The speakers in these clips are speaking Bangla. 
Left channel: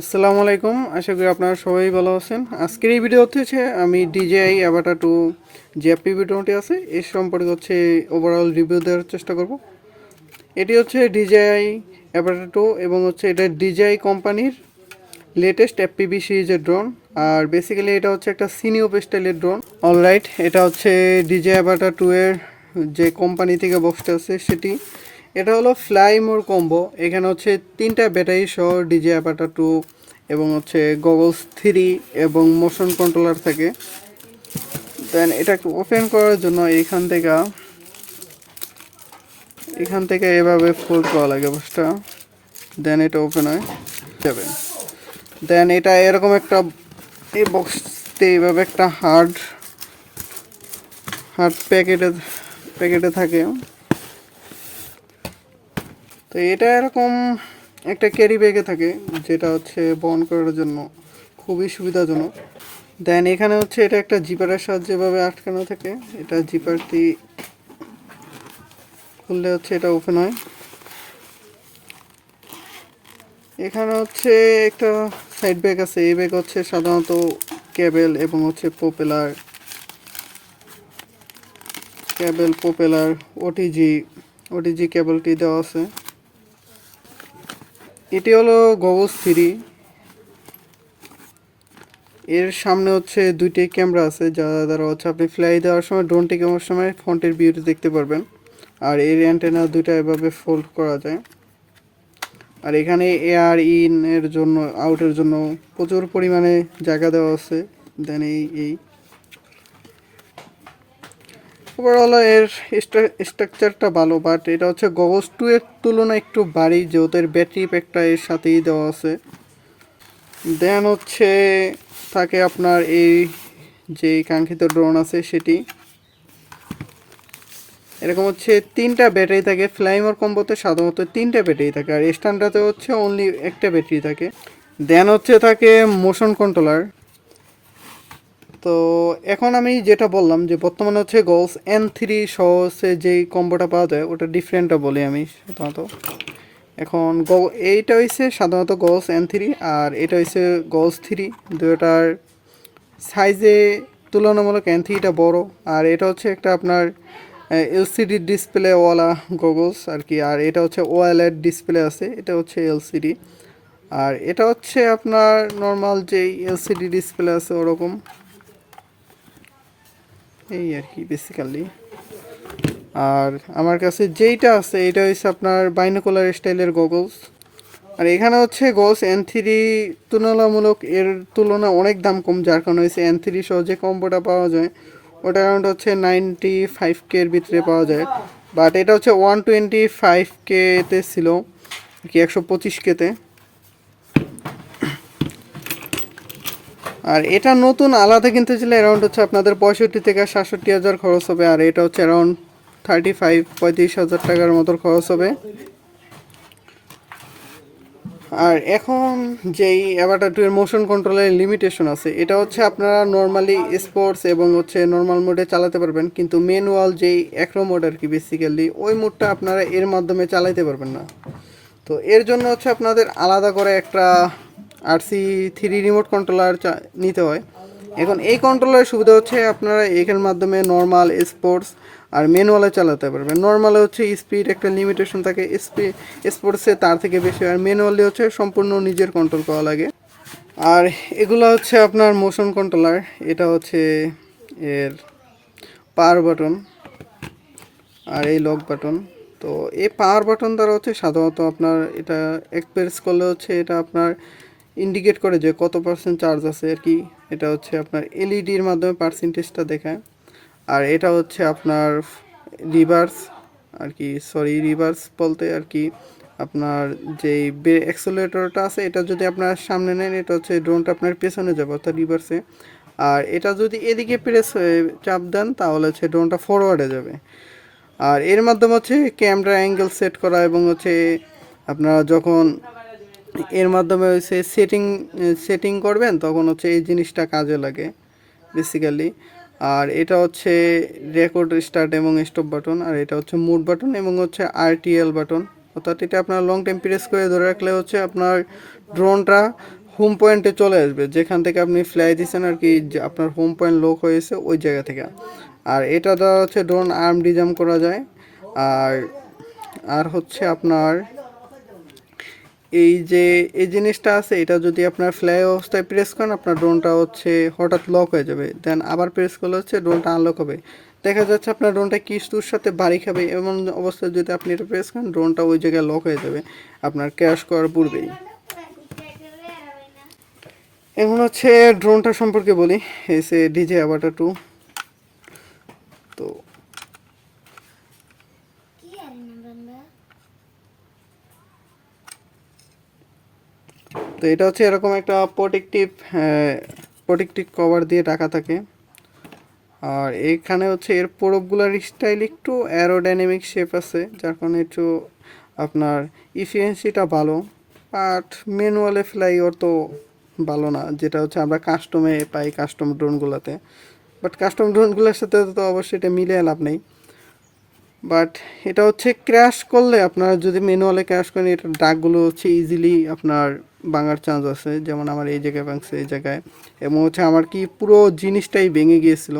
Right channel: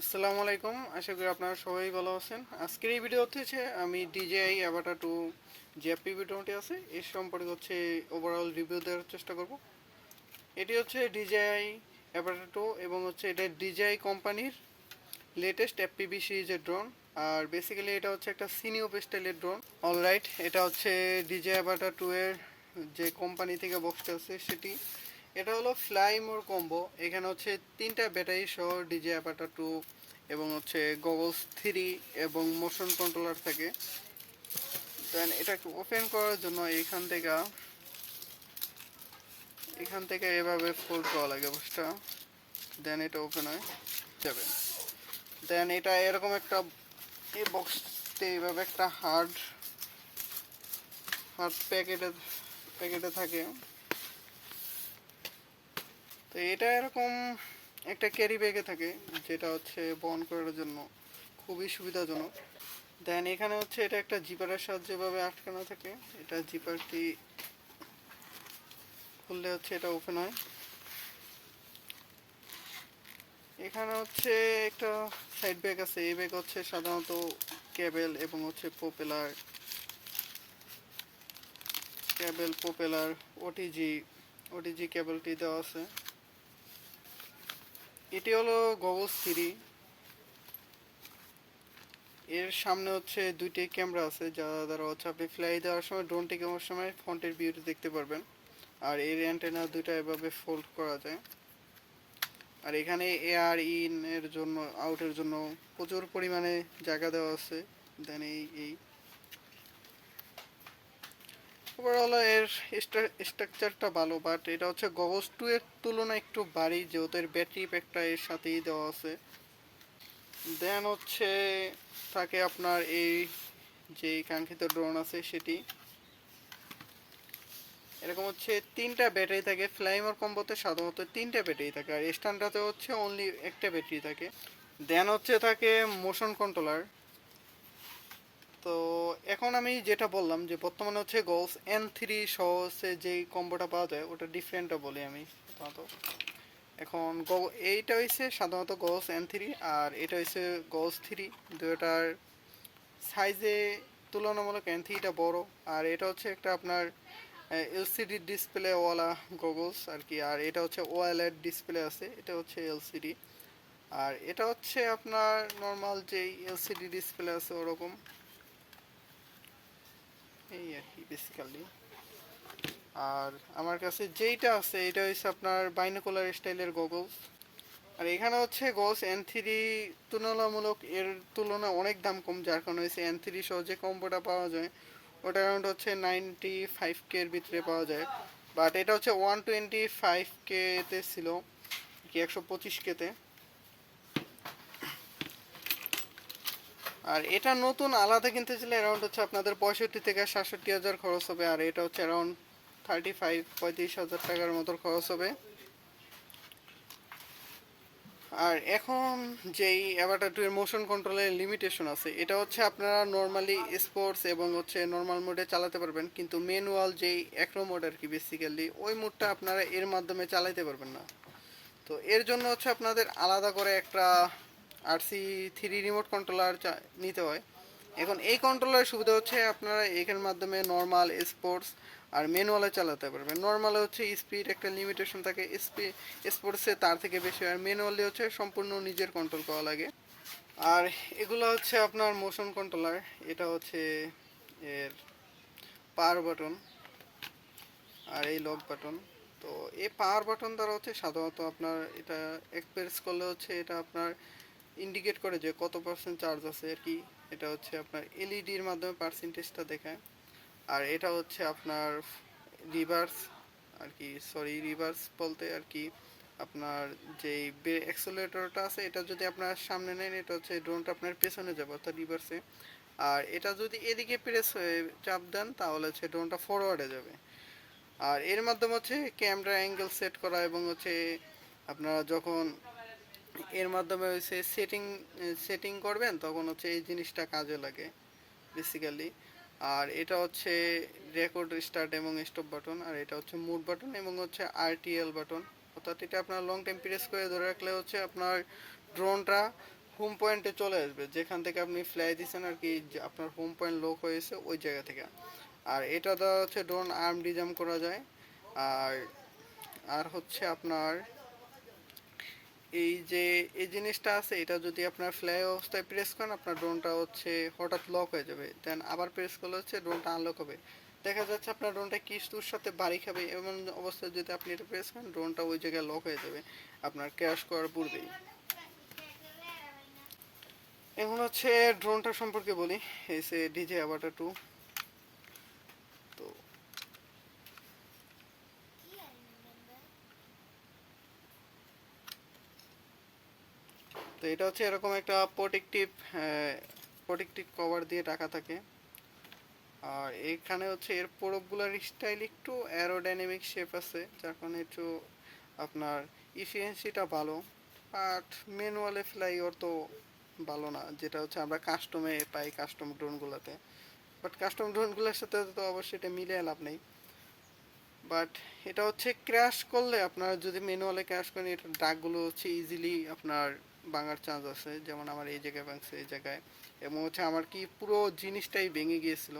আসসালামু আলাইকুম, আশা করি আপনারা সবাই ভালো আছেন। আজকের এই ভিডিও হচ্ছে আমি DJI অ্যাভাটার 2 যে পিভিটনটি আছে এর সম্পর্কে ওভারঅল রিভিউ দেওয়ার চেষ্টা করব। এটি হচ্ছে DJI অ্যাভাটার 2 এবং এটা DJI কোম্পানির লেটেস্ট FPV সিরিজের ড্রোন। আর বেসিক্যালি এটা হচ্ছে একটা সিনিয়প স্টাইলের ড্রোন। অলরাইট, এটা হচ্ছে DJI অ্যাভাটার 2 এর যে কোম্পানি থেকে বক্সটা আছে সেটি। এটা হলো ফ্লাই মোর কম্বো। এখানে হচ্ছে 3টা ব্যাটারি সহ DJI অ্যাভাটার 2 এবং গগলস 3 এবং মোশন কন্ট্রোলার থাকে। দেন এটা ওপেন করার জন্য এখান থেকে এভাবে ফোল্ড করা লাগে বক্সটা। দেন এটা ওপেন হয়ে যাবে। দেন এটা এরকম একটা এই বক্সতে এইভাবে একটা হার্ড প্যাকেটে থাকে। তো এটা এরকম একটা ক্যারি ব্যাগে থাকে, যেটা হচ্ছে বহন করার জন্য খুবই সুবিধাজনক। দেন এখানে এটা একটা জিপারের সাহায্যে এভাবে আটকানো থাকে। এটা জিপারটি খুললে এটা ওপেন হয়। এখানে একটা সাইড ব্যাগ আছে। এই ব্যাগ সাধারণত কেবল এবং প্রপেলার ওটিজি কেবলটি দেওয়া আছে। এটি হলো গগলস 3। এর সামনে দুইটি ক্যামেরা আছে, যা দ্বারা আপনি ফ্লাই দেওয়ার সময় ড্রোনটি কেমন সময় ফ্রন্টের ভিউটি দেখতে পারবেন। আর এর অ্যান্টেনা দুইটা এভাবে ফোল্ড করা যায়। আর এখানে এয়ার ইন এর জন্য আউটের জন্য প্রচুর পরিমাণে জায়গা দেওয়া আছে। দেন এই ওভারঅল এর স্ট্রাকচারটা ভালো, বাট এটা গগলস 2 এর তুলনায় একটু ভারী, যেহেতু এর ব্যাটারি প্যাকটা এর সাথেই দেওয়া আছে। দেন থাকে আপনার এই যে কাঙ্ক্ষিত ড্রোন আছে সেটি এরকম 3টা ব্যাটারি থাকে। ফ্লাইমোর কম্বোতে সাধারণত 3টা ব্যাটারি থাকে, আর স্ট্যান্ডার্ডে অনলি একটা ব্যাটারি থাকে। দেন থাকে মোশন কন্ট্রোলার। তো এখন আমি যেটা বললাম যে বর্তমানে গলস N3 সহ যেই কম্বোটা পাওয়া যায় ওটা ডিফারেন্টটা বলি আমি সাধারণত। এখন এইটা সাধারণত গলস N3, আর এটা গলস 3। দুটার সাইজে তুলনামূলক N3টা বড়, আর এটা একটা আপনার এলসিডি ডিসপ্লেওয়ালা গগলস আর কি। আর এটা ওএলইডি ডিসপ্লে আছে, এটা এলসিডি। আর এটা আপনার নর্মাল যেই এলসিডি ডিসপ্লে আছে ওরকম, এই আর কি বেসিক্যালি। আর আমার কাছে যেইটা আছে এটা আপনার বাইনোকুলার স্টাইলের গগলস। আর এখানে গলস N3 তুলনামূলক এর তুলনা অনেক দাম কম, যার কারণে N3 সহ যে কম্বোটা পাওয়া যায় ওটা অ্যারাউন্ড 95K এর ভিতরে পাওয়া যায়। বাট এটা 125K-তে ছিল কি 125K-তে। আর এটা নতুন আলাদা কিনতে চাইলে অ্যারাউন্ড আপনাদের 65 থেকে 67,000 খরচ হবে। আর এটা অ্যারাউন্ড 35-35,000 টাকার মতো খরচ হবে। আর এখন যেই অ্যাভাটার 2 এর মোশন কন্ট্রোলের লিমিটেশন আছে, এটা আপনারা নর্মালি স্পোর্টস এবং নর্মাল মোডে চালাতে পারবেন, কিন্তু ম্যানুয়াল যেই অ্যাক্রো মোড আর কি বেসিক্যালি ওই মোডটা আপনারা এর মাধ্যমে চালাতে পারবেন না। তো এর জন্য আপনাদের আলাদা করে একটা RC3 রিমোট কন্ট্রোলার নিতে হয়। এখন এই কন্ট্রোলারের সুবিধা আপনারা এখানের মাধ্যমে নর্মাল, স্পোর্টস আর ম্যানুয়ালে চালাতে পারবেন। নর্মালে স্পিড একটা লিমিটেশন থাকে, স্পোর্টসে তার থেকে বেশি, আর ম্যানুয়ালি সম্পূর্ণ নিজের কন্ট্রোল করা লাগে। আর এগুলো আপনার মোশন কন্ট্রোলার। এটা এর পাওয়ার বাটন আর এই লক বাটন। তো এই পাওয়ার বাটন দ্বারা সাধারণত আপনার এটা এক প্রেস করলে এটা আপনার ইন্ডিকেট করে যে কত পার্সেন্ট চার্জ আছে আর কি। এটা আপনার এলইডির মাধ্যমে পার্সেন্টেজটা দেখায়। আর এটা আপনার রিভার্স আর কি, রিভার্স বলতে আর কি আপনার যেই অ্যাক্সেলারেটরটা আছে এটা যদি আপনার সামনে নেন, এটা ড্রোনটা আপনার পেছনে যাবে অর্থাৎ রিভার্সে। আর এটা যদি এদিকে প্রেস চাপ দেন তাহলে ড্রোনটা ফরওয়ার্ডে যাবে। আর এর মাধ্যমে ক্যামেরা অ্যাঙ্গেল সেট করা এবং আপনারা যখন এর মাধ্যমে সেটিং করবেন তখন এই জিনিসটা কাজে লাগে বেসিক্যালি। আর এটা রেকর্ড স্টার্ট এবং স্টপ বাটন। আর এটা মুড বাটন এবং RTL বাটন, অর্থাৎ এটা আপনার লং টাইম প্রেস করে ধরে রাখলে আপনার ড্রোনটা হোম পয়েন্টে চলে আসবে, যেখান থেকে আপনি ফ্লাই দিচ্ছেন আর কি, যে আপনার হোম পয়েন্ট লক হয়েছে ওই জায়গা থেকে। আর এটা দ্বারা হচ্ছে ড্রোন আর্ম ডিজাম করা যায়। আর আর হচ্ছে আপনার এই যে এই জিনিসটা আছে, এটা যদি আপনার ফ্লাই অবস্থায় প্রেস করেন আপনার ড্রোনটা হচ্ছে হঠাৎ লক হয়ে যাবে, দেন আবার প্রেস করলে হচ্ছে ড্রোনটা আনলক হবে। দেখা যাচ্ছে আপনার ড্রোনটা কিছুর সাথে বাড়ি খাবে, এমন অবস্থায় যদি আপনি এটা প্রেস করেন ড্রোনটা ওই জায়গায় লক হয়ে যাবে আপনার ক্র্যাশ করার পূর্বেই। এখন হচ্ছে ড্রোনটা সম্পর্কে বলি, এসে ডিজে অ্যাভাটার 2। তো তো এটা হচ্ছে এরকম একটা প্রোটেক্টিভ কভার দিয়ে ঢাকা থাকে। আর এখানে হচ্ছে এর প্রোপগুলার স্টাইল একটু অ্যারোডাইনামিক শেপ আছে, যার কারণে একটু আপনার ইফিসিয়েন্সিটা ভালো। বাট ম্যানুয়ালে ফ্লাই ওর তো ভালো না, যেটা হচ্ছে আমরা কাস্টমে পাই কাস্টম ড্রোনগুলোতে। বাট কাস্টম ড্রোনগুলোর সাথে তো অবশ্যই এটা মিলে লাভ নেই। বাট এটা হচ্ছে ক্র্যাশ করলে, আপনারা যদি ম্যানুয়ালে ক্র্যাশ করেন এটার দাগগুলো হচ্ছে ইজিলি আপনার ভাঙার চান্স আছে, যেমন আমার এই জায়গায় ভাঙছে এই জায়গায়। এবং হচ্ছে আমার কি পুরো জিনিসটাই ভেঙে গিয়েছিল,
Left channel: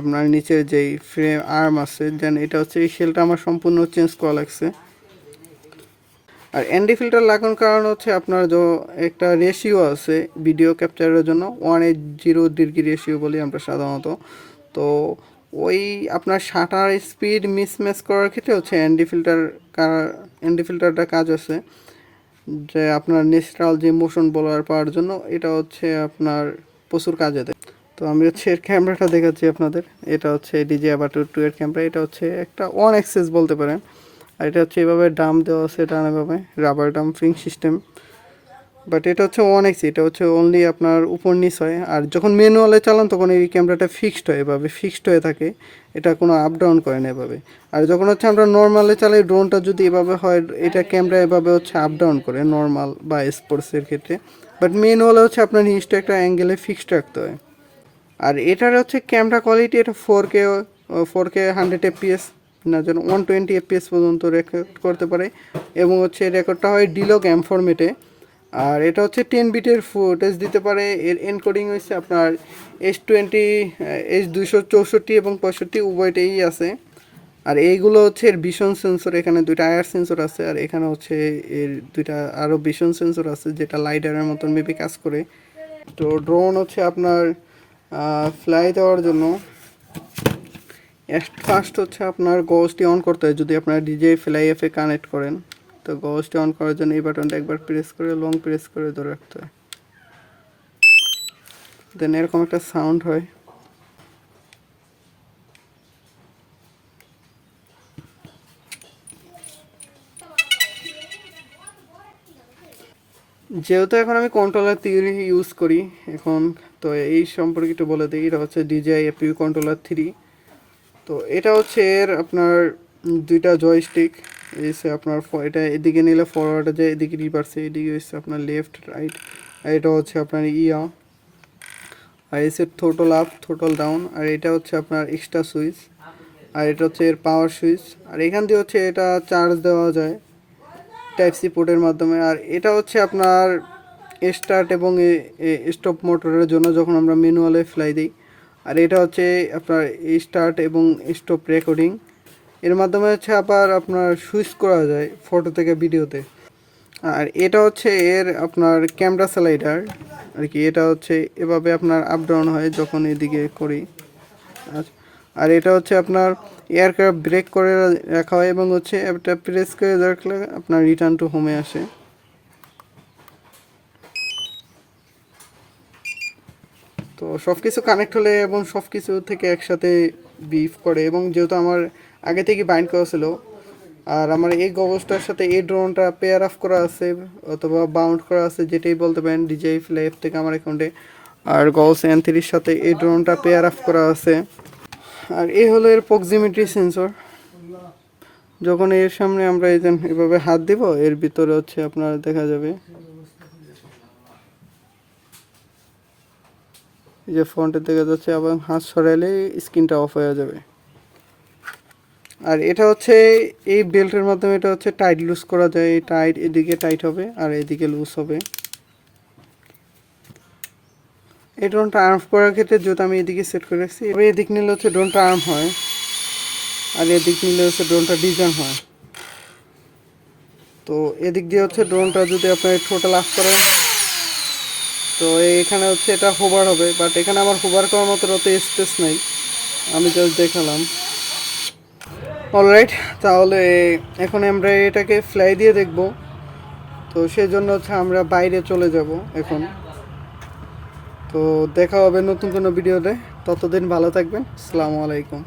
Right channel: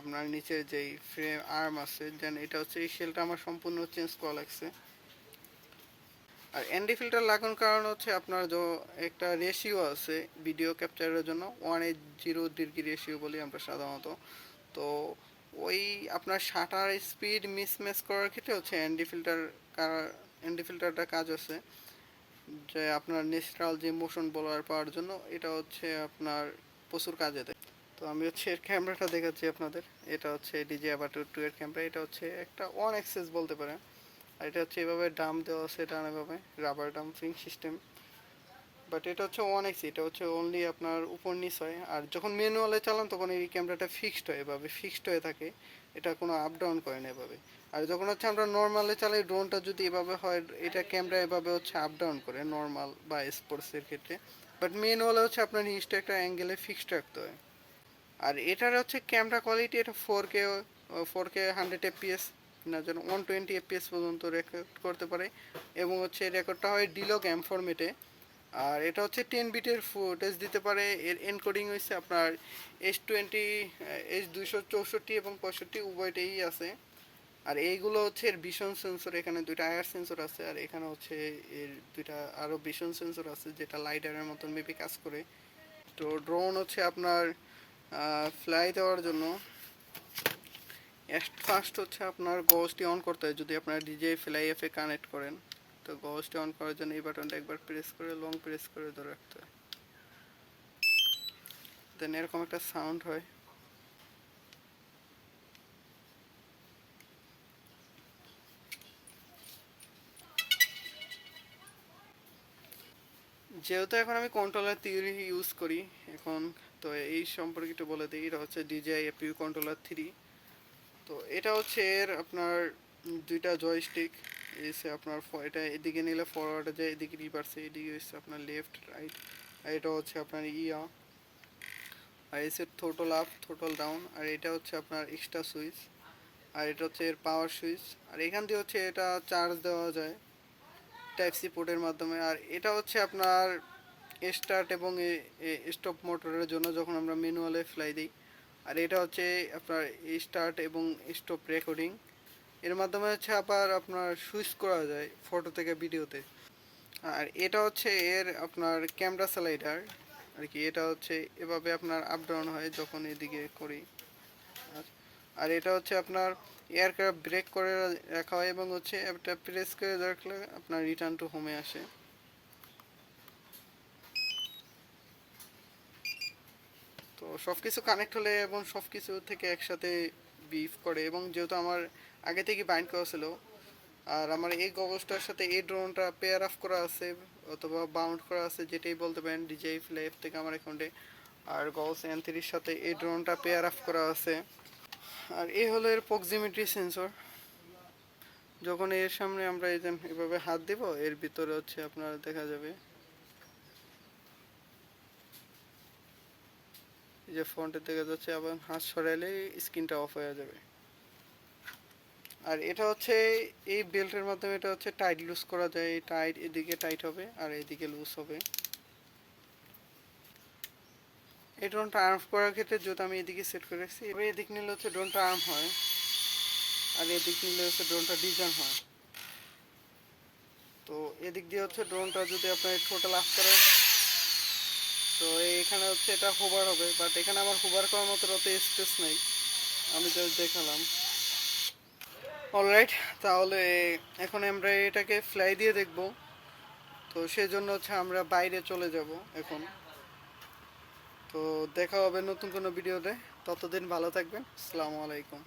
আপনার নিচে যেই ফ্রেম আর্ম আছে, দেন এটা হচ্ছে এই শেলটা আমার সম্পূর্ণ চেঞ্জ করা লাগছে। আর এনডি ফিল্টার লাগানোর কারণ হচ্ছে আপনার যে একটা রেশিও আছে ভিডিও ক্যাপচারের জন্য, 1:0 রেশিও বলি আমরা সাধারণত। তো ওই আপনার শাটার স্পিড মিসম্যাচ করার ক্ষেত্রে হচ্ছে এনডি ফিল্টারটা কাজ আছে, যে আপনার ন্যাচারাল যে মোশন বলার পাওয়ার জন্য এটা হচ্ছে আপনার প্রচুর কাজে দেয়। তো আমি হচ্ছে এর ক্যামেরাটা দেখাচ্ছি আপনাদের। এটা হচ্ছে ডিজে অ্যাভাটার 2 এর ক্যামেরা। এটা হচ্ছে একটা ওয়ান অ্যাক্সেস বলতে পারেন। আর এটা হচ্ছে এভাবে ডাম দেওয়া আছে, ডানাভাবে রাবার ডাম্পিং সিস্টেম। বাট এটা হচ্ছে ওয়ান এক্স, এটা হচ্ছে অনলি আপনার উপর নিচ হয়। আর যখন ম্যানুয়ালে চালান তখন এই ক্যামেরাটা ফিক্সড হয়, এভাবে ফিক্সড হয়ে থাকে, এটা কোনো আপ ডাউন করে না এভাবে। আর যখন হচ্ছে আমরা নর্মালে চালাই ড্রোনটা যদি এভাবে হয়, এটা ক্যামেরা এভাবে হচ্ছে আপ ডাউন করে নর্মাল বা স্পোর্টসের ক্ষেত্রে। বাট ম্যানুয়ালে হচ্ছে আপনার নিচটা একটা অ্যাঙ্গেলে ফিক্সড রাখতে হয়। আর এটার হচ্ছে ক্যামেরা কোয়ালিটি, এটা 4K 100 fps না, যেন 120 fps পর্যন্ত রেকর্ড করতে পারে। এবং হচ্ছে রেকর্ডটা হয় ডিলগ এম ফরম্যাটে। আর এটা হচ্ছে 10 বিটের ফুটেজ দিতে পারে। এর এনকোডিং হচ্ছে আপনার H20 H264 এবং 65 উভয়টাই আছে। আর এইগুলো হচ্ছে এর ভিশন সেন্সর, এখানে দুইটা আয়ার সেন্সর আছে, আর এখানে হচ্ছে এর দুইটা আরও ভিশন সেন্সর আছে যেটা লাইডারের মতন মেবি কাজ করে। তো ড্রোন হচ্ছে আপনার ফ্লাই দেওয়ার জন্য ফার্স্ট হচ্ছে আপনার গজটি অন করতে হয়, যদি আপনার ডিজে ফ্লাই অ্যাপে কানেক্ট করেন। তো গজটি অন করার জন্য এই বাটনটা একবার প্রেস করে লং প্রেস করে ধরে রাখতে হয়, দেন এরকম একটা সাউন্ড হয়। যেহেতু এখন আমি কন্ট্রোলার থ্রি ইউজ করি এখন, তো এই সম্পর্কে একটু বলে দিই। এটা হচ্ছে DJI APU কন্ট্রোলার 3। তো এটা হচ্ছে এর আপনার দুইটা জয়স্টিক এসে আপনার এটা এদিকে নিলে ফরওয়ার্ডে যায়, এদিকে রিভার্সে, এদিকে হচ্ছে আপনার লেফট রাইট। আর এটা হচ্ছে আপনার আর এসে থ্রোটল আপ থ্রোটল ডাউন। আর এটা হচ্ছে আপনার এক্সট্রা সুইচ। আর এটা হচ্ছে এর পাওয়ার সুইচ। আর এখান দিয়ে হচ্ছে এটা চার্জ দেওয়া যায় টাইপ সি পোর্টের মাধ্যমে। আর এটা হচ্ছে আপনার স্টার্ট এবং স্টপ মোটরের জন্য যখন আমরা ম্যানুয়ালে ফ্লাই দিই। আর এটা হচ্ছে আপনার স্টার্ট এবং স্টপ রেকর্ডিং, এর মাধ্যমে হচ্ছে আবার আপনার সুইচ করা যায় ফটো থেকে ভিডিওতে। আর এটা হচ্ছে এর আপনার ক্যামেরা স্লাইডার আর কি, এটা হচ্ছে এভাবে আপনার আপ ডাউন হয় যখন এদিকে করি। আর এটা হচ্ছে আপনার এয়ারক্রাফট ব্রেক করে রাখা হয় এবং হচ্ছে এটা প্রেস করে রাখলে আপনার রিটার্ন টু হোমে আসে। তো সব কিছু কানেক্ট হলে এবং সব কিছু থেকে একসাথে বিফ করে, এবং যেহেতু আমার আগে থেকে বাইন্ড করা ছিল, আর আমার এই গগলসটার সাথে এই ড্রোনটা পেয়ার অফ করা আছে অথবা বাউন্ড করা আছে, যেটাই বলতে পারেন DJI ফ্লাই অ্যাপ থেকে আমার অ্যাকাউন্টে। আর গগলস N3 সাথে এই ড্রোনটা পেয়ার অফ করা আছে। আর এই হলো এর প্রক্সিমিটি সেন্সর। যখন এর সামনে আমরা এভাবে হাত দিব, এর ভিতরে হচ্ছে আপনার দেখা যাবে যে ফ্রন্টে দেখা যাচ্ছে, এবং হাত সরাইলে স্ক্রিনটা অফ হয়ে যাবে। আর এটা হচ্ছে এই বেল্টের মাধ্যমে এটা হচ্ছে টাইট লুজ করা যায়। এই টাইট এদিকে টাইট হবে আর এদিকে লুজ হবে। এই ড্রোনটা আর্ম করার ক্ষেত্রে যেহেতু আমি এদিকে সেট করে রাখছি, এবার এদিক নিলে হচ্ছে ড্রোনটা আর্ম হয়, আর এদিক নিলে হচ্ছে ড্রোনটা ডিজাইন হয়। তো এদিক দিয়ে হচ্ছে ড্রোনটা যদি আপনি টোটাল আপ করেন, তো এখানে হচ্ছে এটা হোভার হবে, বাট এখানে আমার হোভার করার মতো অত স্পেস নাই, আমি জাস্ট দেখালাম। অলরাইট, তাহলে এখন আমরা এটাকে ফ্লাই দিয়ে দেখব। তো সেই জন্য হচ্ছে আমরা বাইরে চলে যাব এখন। তো দেখা হবে নতুন কোনো ভিডিওতে, ততদিন ভালো থাকবেন। আসসালামু আলাইকুম।